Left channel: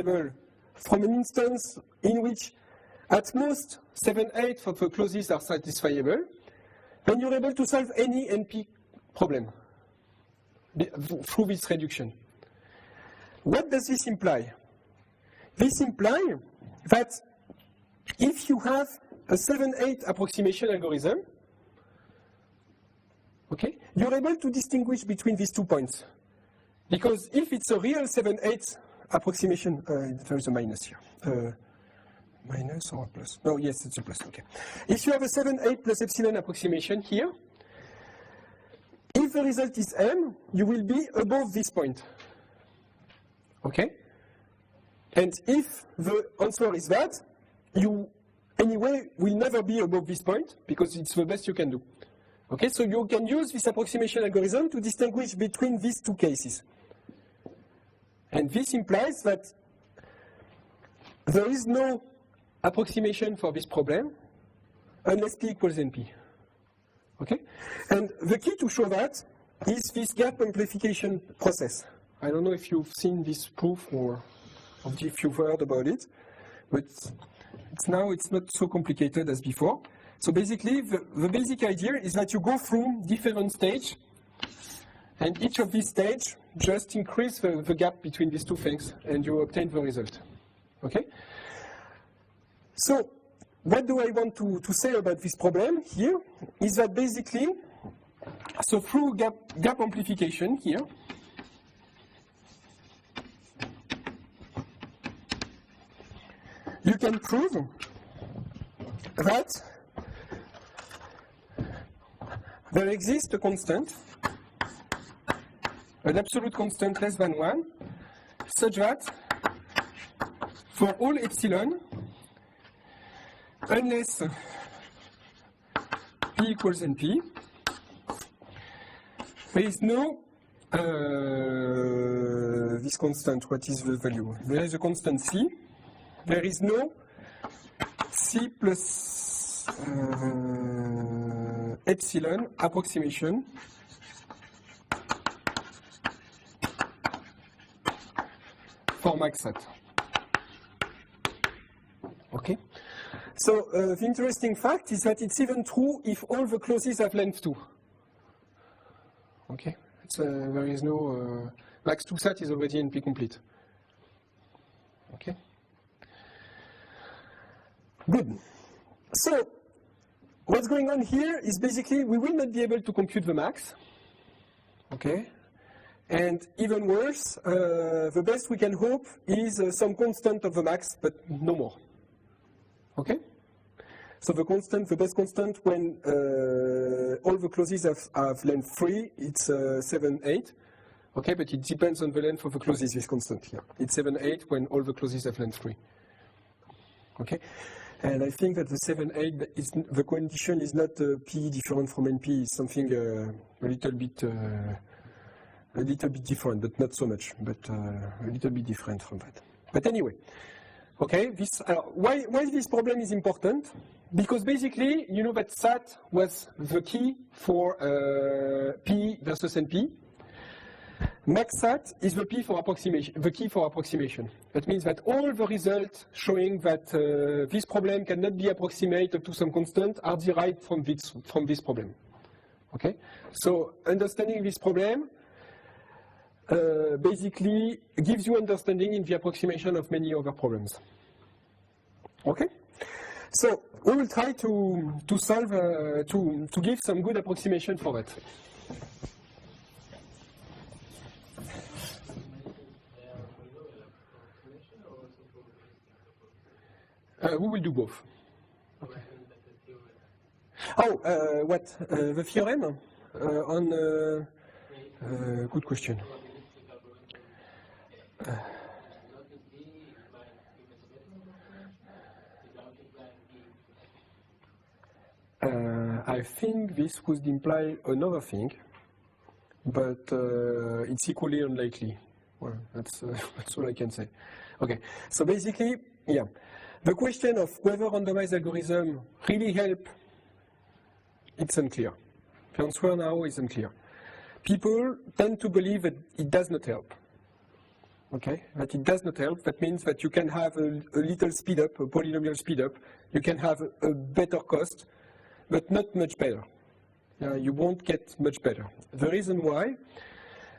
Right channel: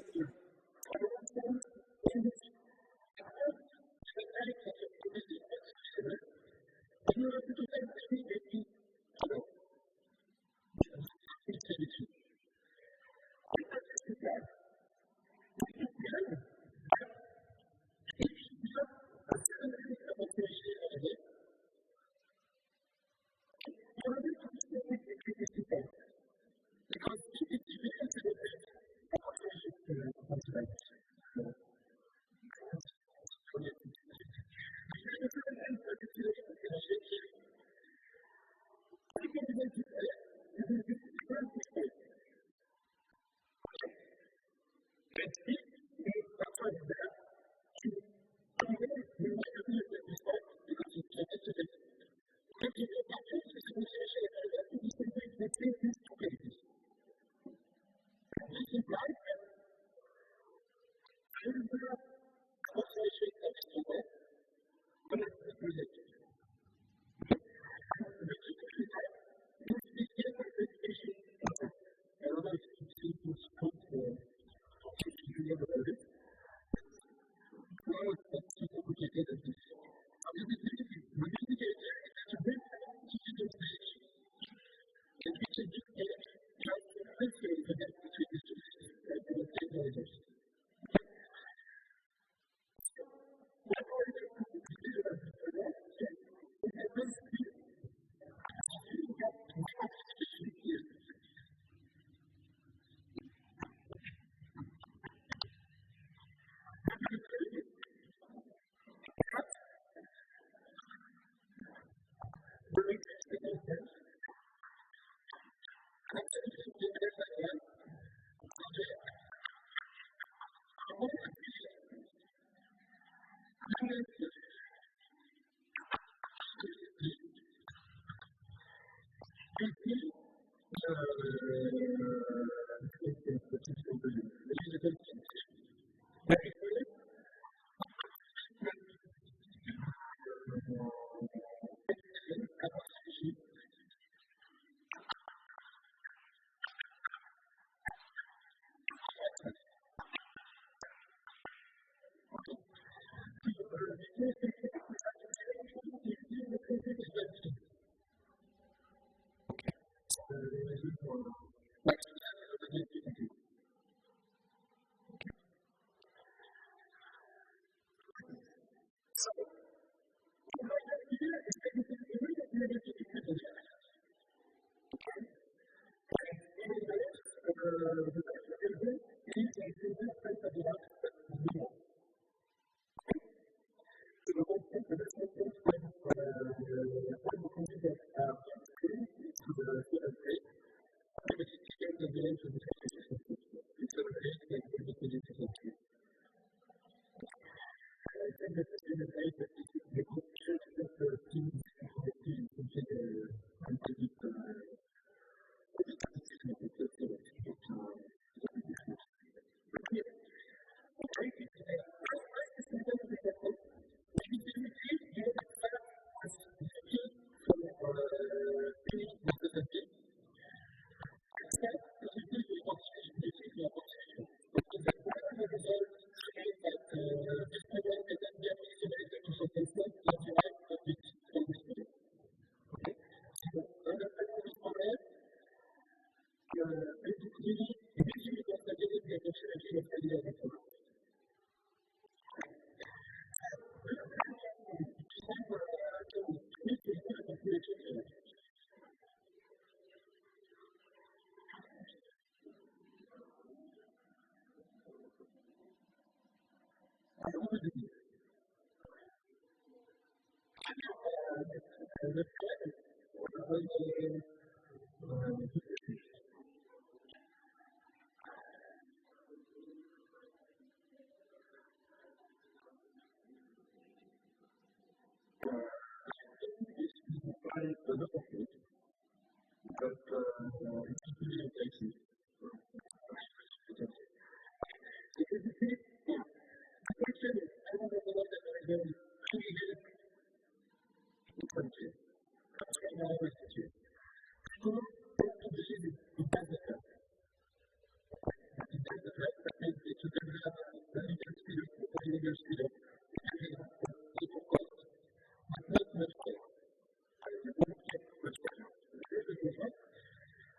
able, from an instance in which at most 7/8 of the clauses are satisfiable, then you're able to solve any NP problem through this reduction. What does this imply? This implies that if you have a 7/8 approximation algorithm, okay, you're able to distinguish between these 2 points. Because if it's a real 7/8 approximation, there is a minus here. Minus or a plus? No, yes, it's a plus, okay. If you have a 7/8 plus epsilon approximation here, if the result is M, you will be above this point. Okay? And if the answer is that, you anyway will never be above this point because it's the best you can do. Okay, so you can use this approximation algorithm to distinguish between these two cases. And this implies that there is no approximation for this problem unless P equals NP. Okay? And the key to show that is this gap amplification process. I don't know if you've seen this proof or if you've heard about it, but now it's not so complicated as before. So basically, the basic idea is that you go through different stages, and each of these stages just increase the gap between these two things, and you obtain the result. Okay? So, what do I want to say about this problem here is that basically, so through gap amplification here, you can prove that there exists a constant, an absolute constant less than 1, such that for all epsilon, unless P equals NP, there is no this constant. What is the value? There is a constant C. There is no C plus epsilon approximation for maxat. Okay? So the interesting fact is that it's even true if all the clauses have length 2. Okay? There is no max 2 sat is already NP complete. Okay? Good. So what's going on here is basically we will not be able to compute the max. Okay? And even worse, the best we can hope is some constant of the max, but no more. Okay? So the constant, the best constant when all the clauses have length 3, it's 7/8. Okay, but it depends on the length of the clauses, this constant here. It's 7/8 when all the clauses have length 3. Okay? And I think that the 7/8, the condition is not P different from NP, it's something a little bit different, but not so much, but a little bit different from that. But anyway, okay, why this problem is important? Because basically, you know that SAT was the key for P versus NP. MaxSat is the key for approximation. That means that all the results showing that this problem cannot be approximated to some constant are derived from this problem. Okay? So understanding this problem basically gives you understanding in the approximation of many other problems. Okay? So we will try to solve, to give some good approximation for that. We will do both. Okay. Oh, what? The theorem? Good question. I think this would imply another thing, but it's equally unlikely. Well, that's all I can say. Okay, so basically, yeah. The question of whether randomized algorithm really help, it's unclear. The answer now is unclear. People tend to believe that it does not help. Okay, but it does not help. That means that you can have a little speed up, a polynomial speed up. You can have a better cost, but not much better. You won't get much better. The reason why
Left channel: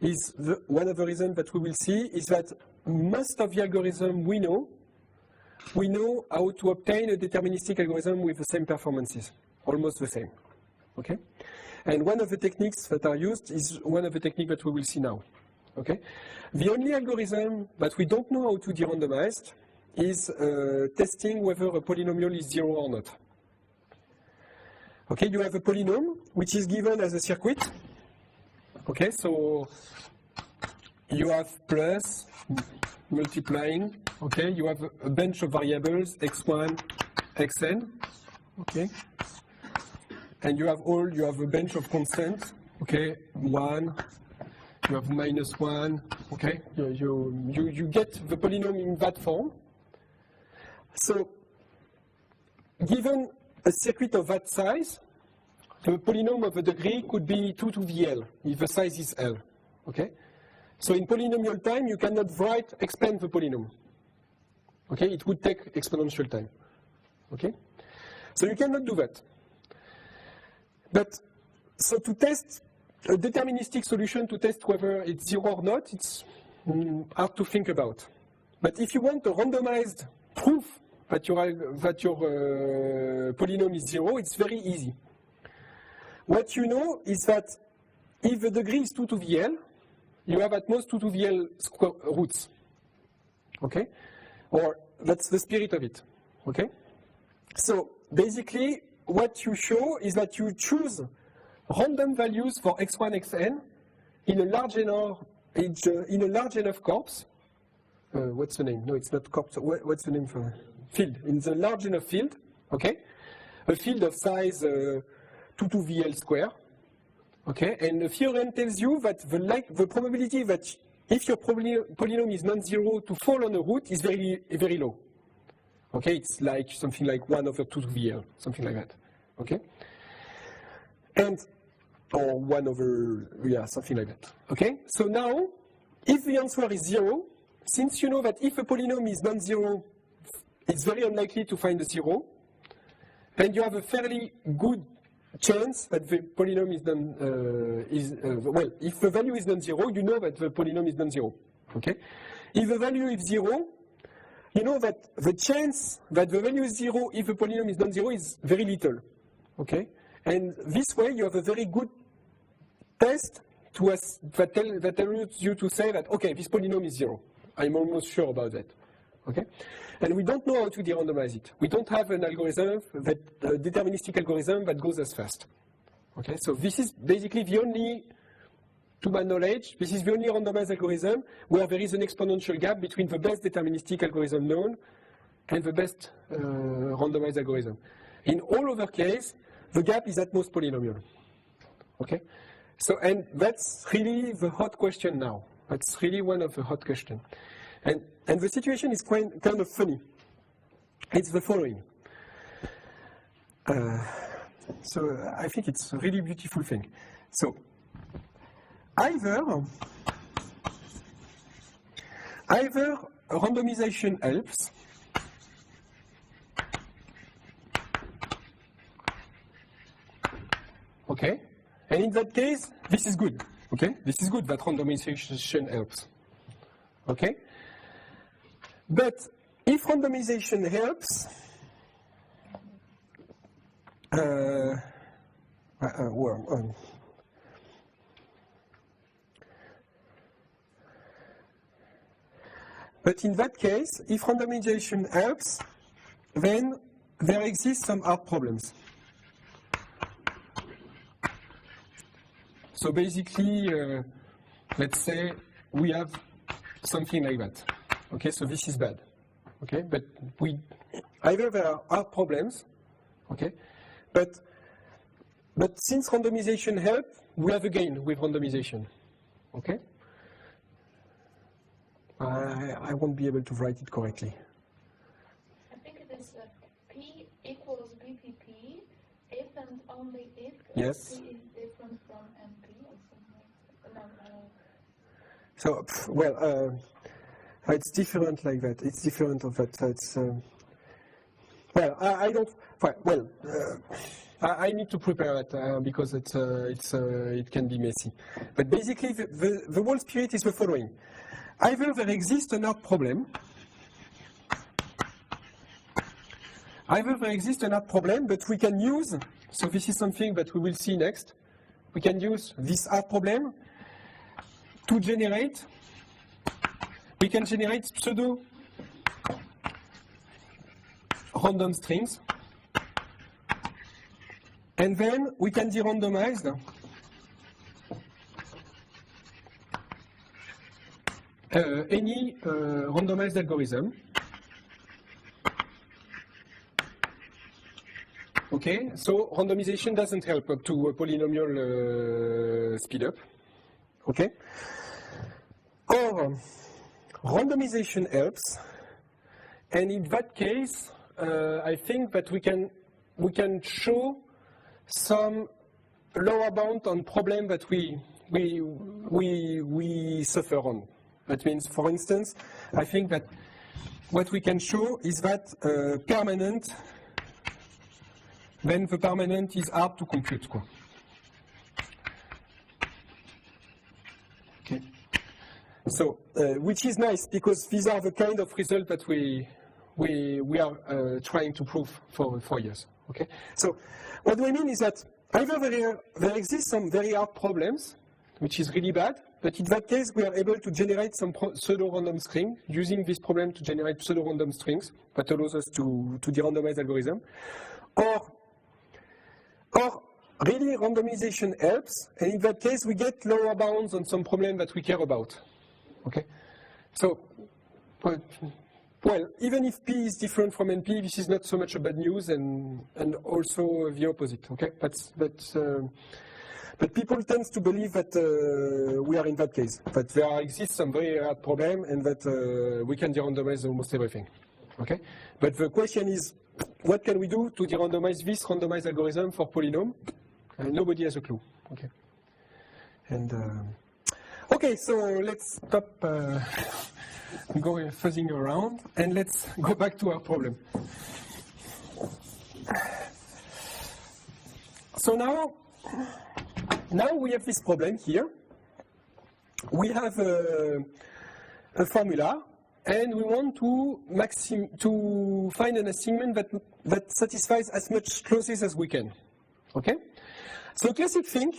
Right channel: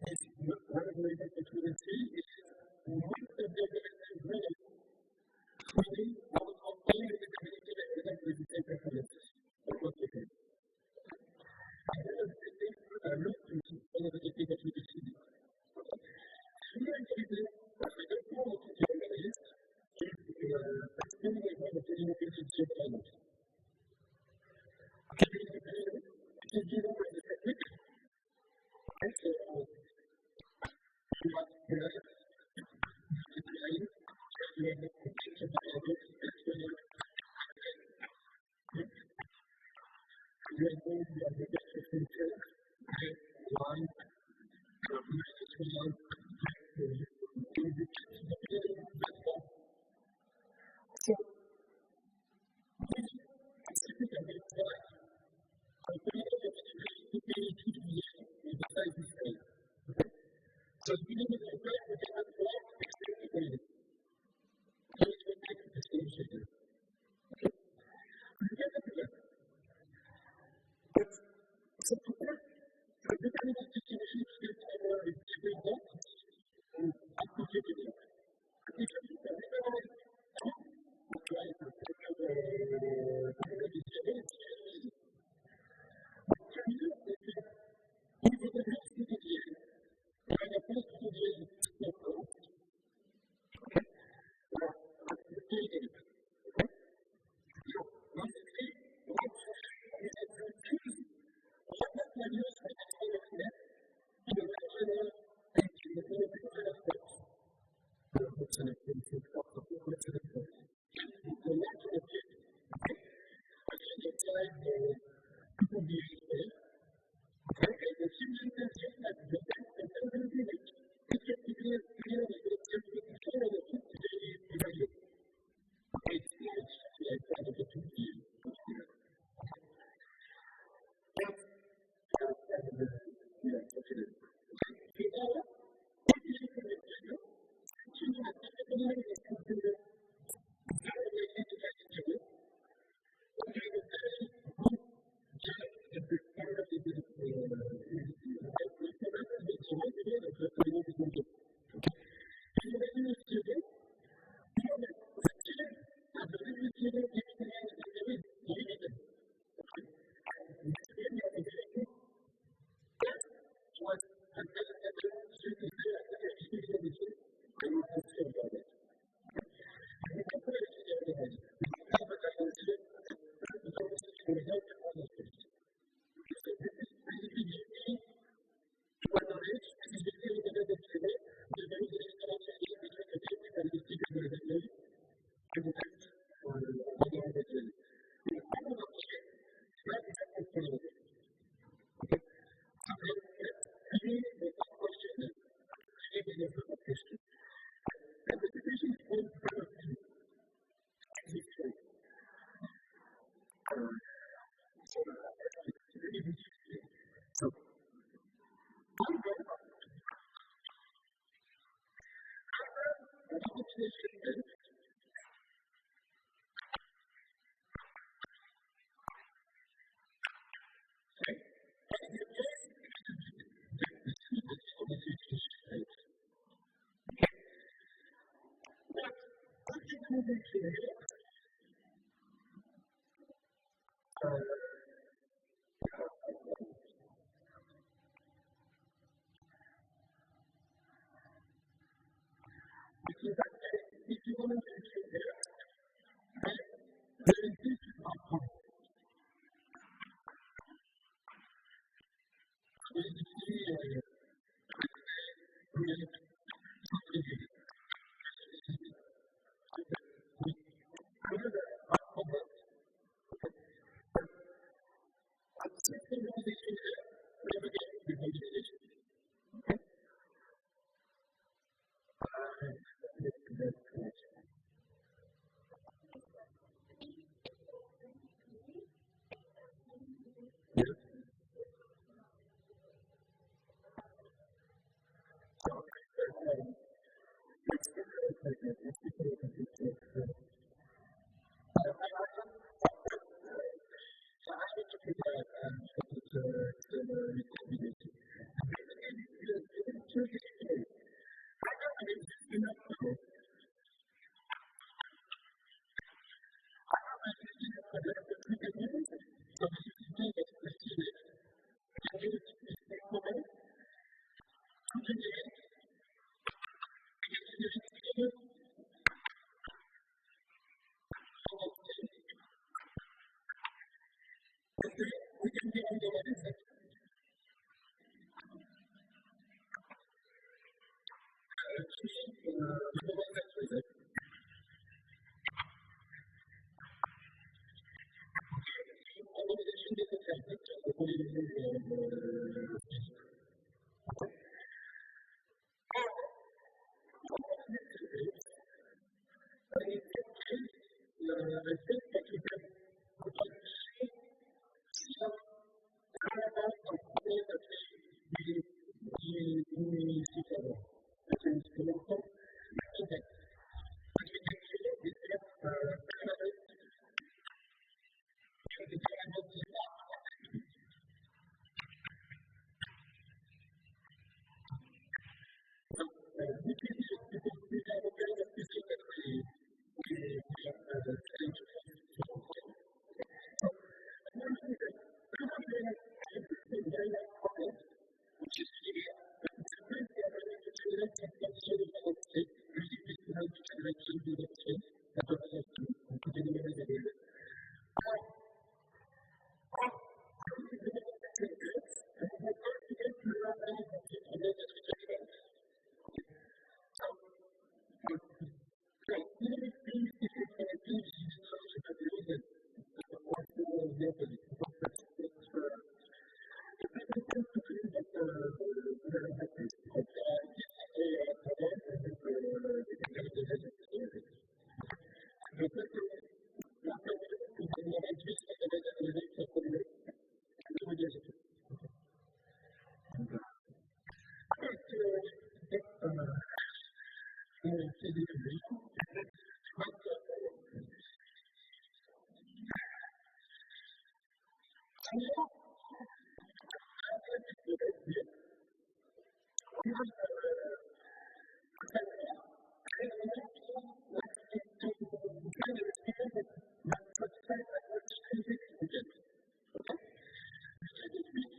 is one of the reasons that we will see is that most of the algorithm we know how to obtain a deterministic algorithm with the same performances, almost the same. Okay, and one of the techniques that are used is one of the techniques that we will see now. Okay, the only algorithm that we don't know how to derandomize is testing whether a polynomial is zero or not. Okay, you have a polynomial which is given as a circuit. Okay, so you have plus multiplying. Okay, you have a bunch of variables x1, xn. Okay, and you have a bunch of constants. Okay, 1. You have -1. Okay, you get the polynomial in that form. So, given a circuit of that size, the polynomial of the degree could be 2 to the L, if the size is L. Okay? So in polynomial time, you cannot expand the polynomial. Okay? It would take exponential time. Okay? So you cannot do that. But, so to test a deterministic solution, to test whether it's zero or not, it's hard to think about. But if you want a randomized proof that your polynomial is zero, it's very easy. What you know is that if the degree is 2 to the L, you have at most 2 to the L square roots. Okay? Or that's the spirit of it. Okay? So basically, what you show is that you choose random values for x1, xn in a large enough corpus. What's the name? No, it's not corpus. What's the name for it? Field. In the large enough field, okay? A field of size 2 to the L square, okay? And the theorem tells you that the probability that if your polynomial is non-zero to fall on a root is very, very low. Okay, it's like something like 1 over 2 to the L, something like that. Okay? And, or 1 over, yeah, something like that. Okay? So now, if the answer is 0, since you know that if a polynomial is non-zero, it's very unlikely to find a 0, then you have a fairly good chance that the polynomial is well, if the value is non-zero, you know that the polynomial is non-zero. Okay? If the value is 0, you know that the chance that the value is 0 if the polynomial is non-zero is very little. Okay? And this way you have a very good test that tells you to say that, okay, this polynomial is 0. I'm almost sure about that. Okay? And we don't know how to derandomize it. We don't have an algorithm, a deterministic algorithm that goes as fast. Okay? So this is basically the only, to my knowledge, this is the only randomized algorithm where there is an exponential gap between the best deterministic algorithm known and the best randomized algorithm. In all other cases, the gap is at most polynomial. Okay? So, and that's really the hot question now. That's really one of the hot questions. And the situation is kind of funny. It's the following. So I think it's a really beautiful thing. So either randomization helps, okay? And in that case, this is good, okay? This is good that randomization helps, okay? But if randomization helps, but in that case, if randomization helps, then there exist some hard problems. So basically, let's say we have something like that. Okay, so this is bad. Okay, but either there are hard problems, okay, but since randomization helps, we have a gain with randomization. Okay? I won't be able to write it correctly. I think it is P equals BPP if and only if yes. P is different from MP or something. So, well, It's different like that. It's different of that. It's well, I don't. Well, I need to prepare it because it can be messy. But basically, the whole spirit is the following: either there exists an art problem. Either there exists an art problem, but we can use. So this is something that we will see next. We can use this art problem to generate. We can generate pseudo random strings, and then we can derandomize any randomized algorithm. Okay, so randomization doesn't help up to a polynomial speed up. Okay, or randomization helps, and in that case, I think that we can show some lower bound on problem that we suffer on. That means, for instance, I think that what we can show is that permanent, then the permanent is hard to compute. Okay. So, which is nice because these are the kind of results that we are trying to prove for years. Okay. So, what do I mean is that either there exist some very hard problems, which is really bad, but in that case we are able to generate some pseudo-random string using this problem to generate pseudo-random strings that allows us to derandomize algorithm, or really randomization helps, and in that case we get lower bounds on some problem that we care about. Okay, so well, even if P is different from NP, this is not so much a bad news, and also the opposite. Okay, but people tend to believe that we are in that case, that there exists some very hard problem, and that we can derandomize almost everything. Okay, but the question is, what can we do to derandomize this randomized algorithm for polynomial? Nobody has a clue. Okay, and okay, so let's stop going fuzzing around, and let's go back to our problem. So now we have this problem here. We have a formula, and we want to find an assignment that satisfies as much clauses as we can. Okay? So the classic thing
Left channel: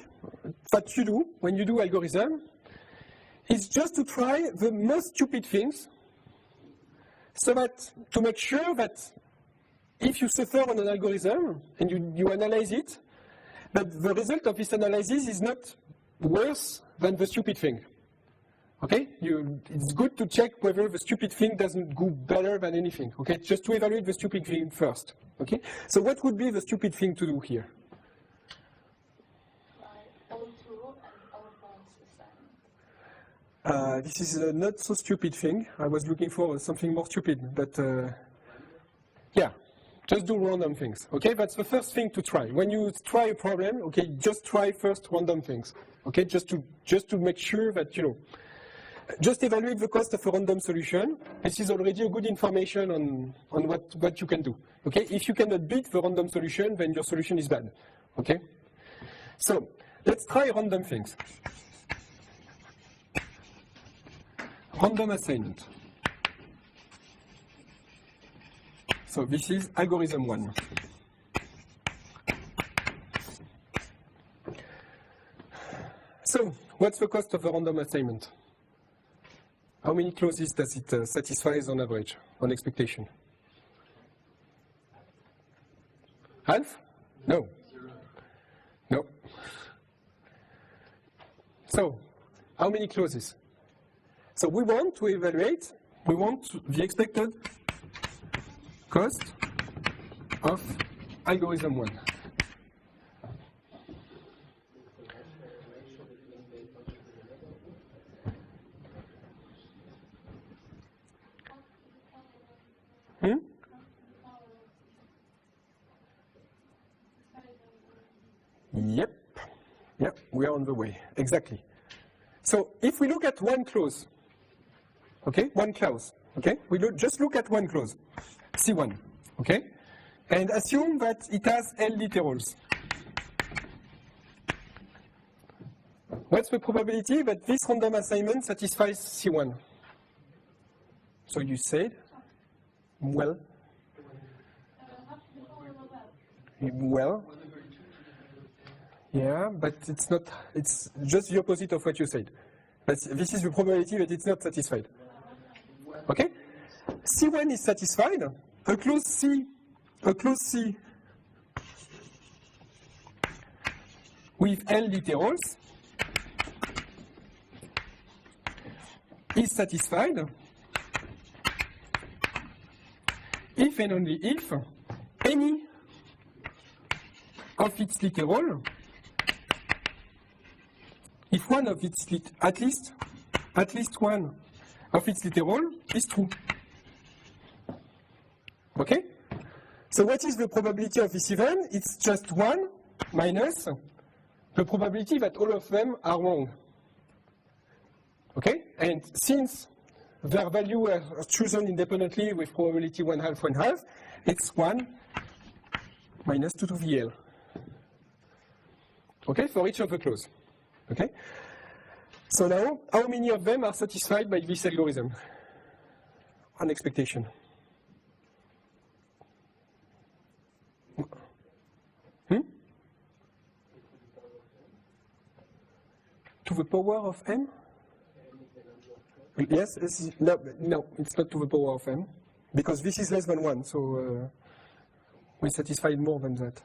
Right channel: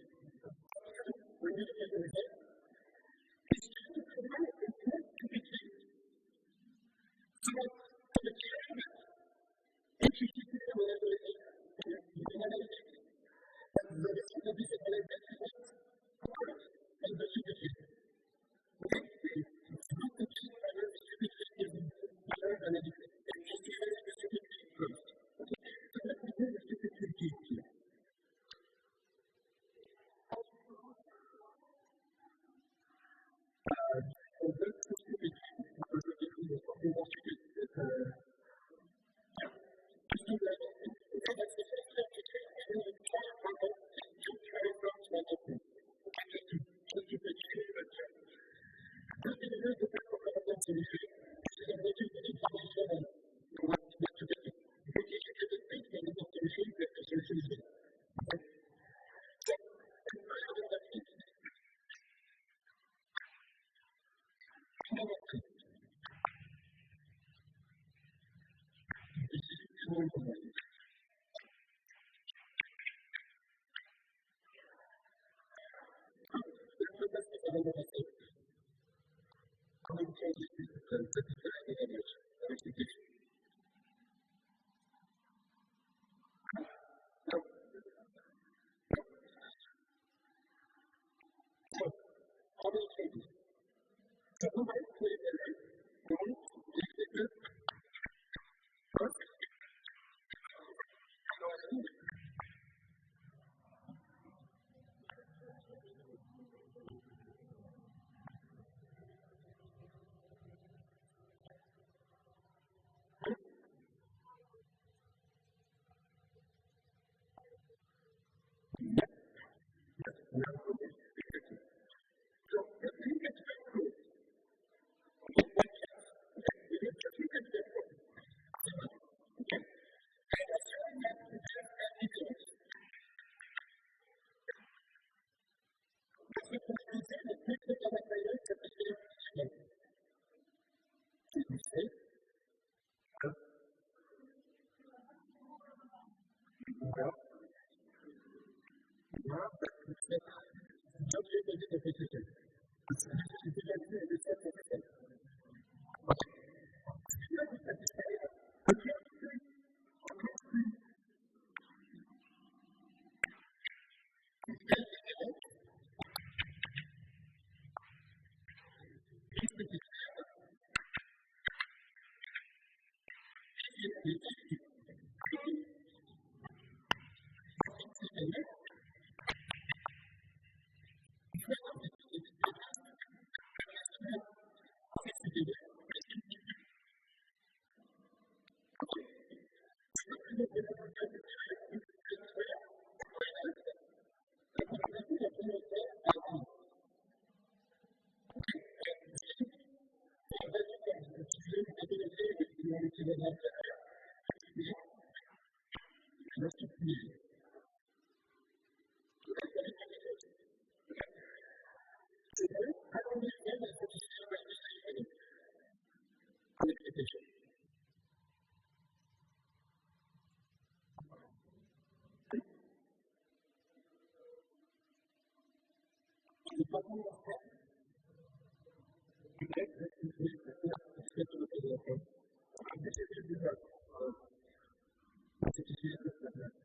that you do when you do algorithm is just to try the most stupid things, so that to make sure that if you suffer on an algorithm and you analyze it, that the result of this analysis is not worse than the stupid thing. Okay? It's good to check whether the stupid thing doesn't go better than anything. Okay? Just to evaluate the stupid thing first. Okay? So what would be the stupid thing to do here? This is a not so stupid thing. I was looking for something more stupid, but yeah, just do random things. Okay, that's the first thing to try. When you try a problem, okay, just try first random things. Okay, just to make sure that just evaluate the cost of a random solution. This is already a good information on what you can do. Okay, if you cannot beat the random solution, then your solution is bad. Okay, so let's try random things. Random assignment. So this is algorithm 1. So what's the cost of a random assignment? How many clauses does it satisfy on average, on expectation? Half? No. No. So how many clauses? So we want to evaluate, we want the expected cost of algorithm 1. Yep, we are on the way, exactly. So if we look at one clause, okay? One clause, okay? Just look at one clause, C1, okay? And assume that it has L literals. What's the probability that this random assignment satisfies C1? So you said, well, yeah, but it's not, it's just the opposite of what you said. But this is the probability that it's not satisfied. Okay? C1 is satisfied, a clause C with L literals is satisfied if and only if any of its literal, if one of its at least one of its literal is true. Okay? So what is the probability of this event? It's just 1 minus the probability that all of them are wrong. Okay? And since their value are chosen independently with probability 1/2, 1/2, it's 1 minus 2 to the L. Okay, for each of the clause. Okay? So now, how many of them are satisfied by this algorithm? On expectation. To the power of n? Yes, no, it's not to the power of n, because this is less than 1, so we satisfied more than that.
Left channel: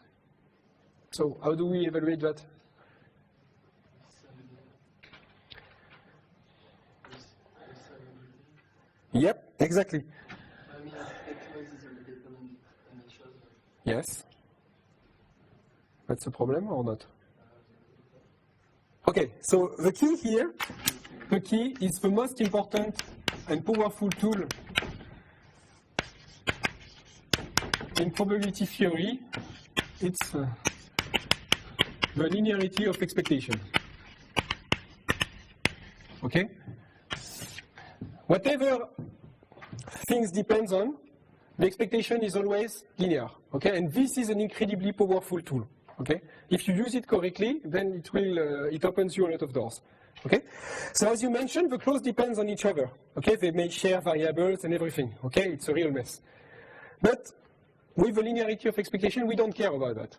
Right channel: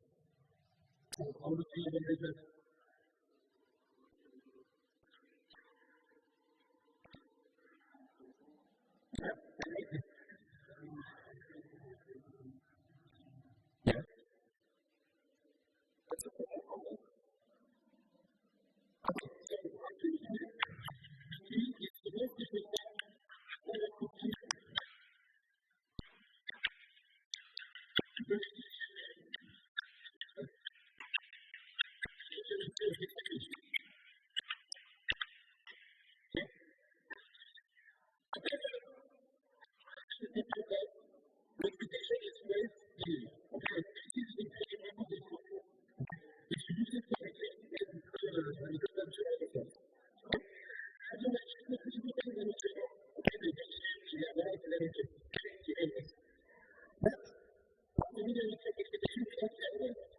So how do we evaluate that? Yep, exactly. Yes. That's a problem or not? Okay, so the key here, the key is the most important and powerful tool in probability theory. It's the linearity of expectation. Okay? Whatever things depends on, the expectation is always linear. Okay? And this is an incredibly powerful tool. Okay? If you use it correctly, then it will it opens you a lot of doors. Okay? So as you mentioned, the clause depends on each other. Okay? They may share variables and everything. Okay? It's a real mess. But with the linearity of expectation, we don't care about that.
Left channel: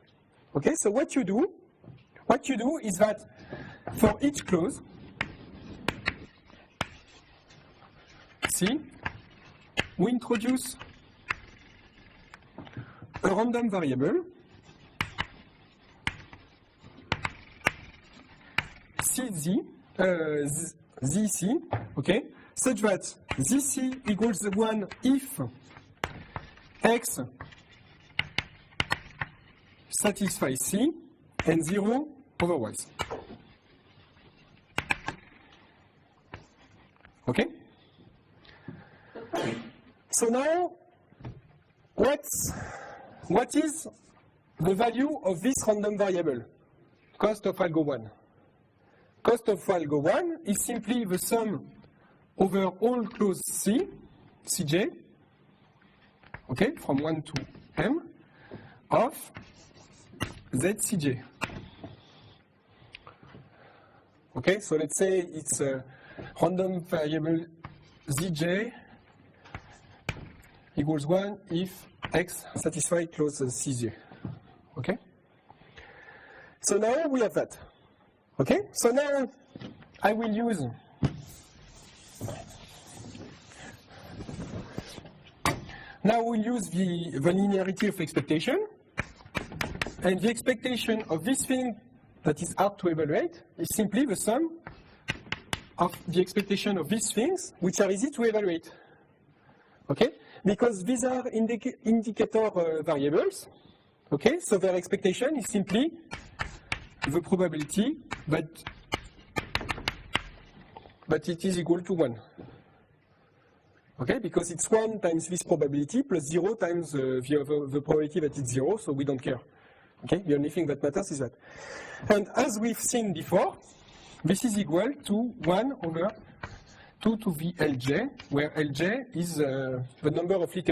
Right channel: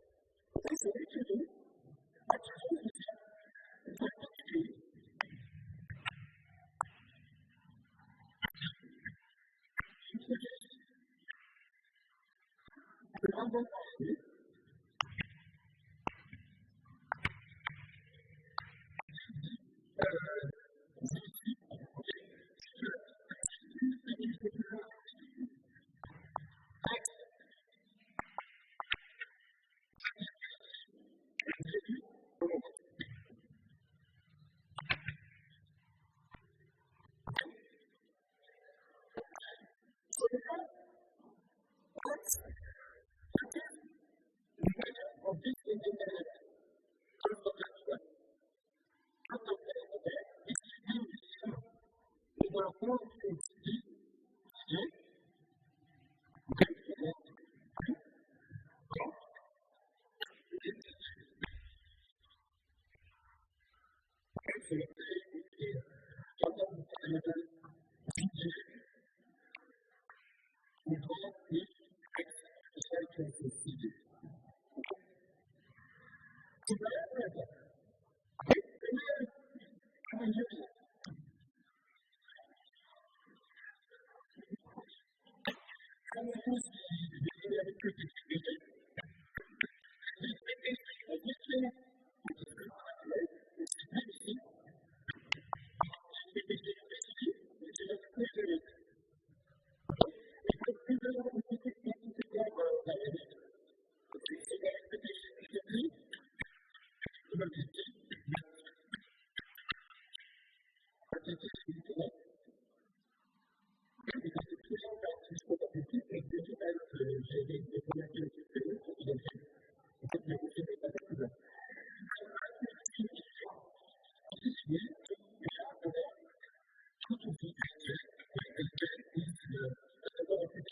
Okay? So what you do is that for each clause, C, we introduce a random variable, ZC, okay, such that ZC equals 1 if X satisfies C and 0 otherwise. Okay? So now, what is the value of this random variable? Cost of algo 1. Cost of algo 1 is simply the sum over all clause C, Cj, okay, from 1 to m, of ZCj. Okay, so let's say it's a random variable Zj equals 1 if X satisfies clause Cj. Okay? So now we have that. Okay? So now I will use the linearity of expectation, and the expectation of this thing that is hard to evaluate is simply the sum of the expectation of these things which are easy to evaluate. Okay? Because these are indicator variables. Okay? So their expectation is simply the probability that it is equal to 1. Okay? Because it's 1 times this probability plus 0 times the probability that it's 0, so we don't care. Okay? The only thing that matters is that. And as we've seen before, this is equal to 1 over 2 to the Lj, where Lj is the number of literals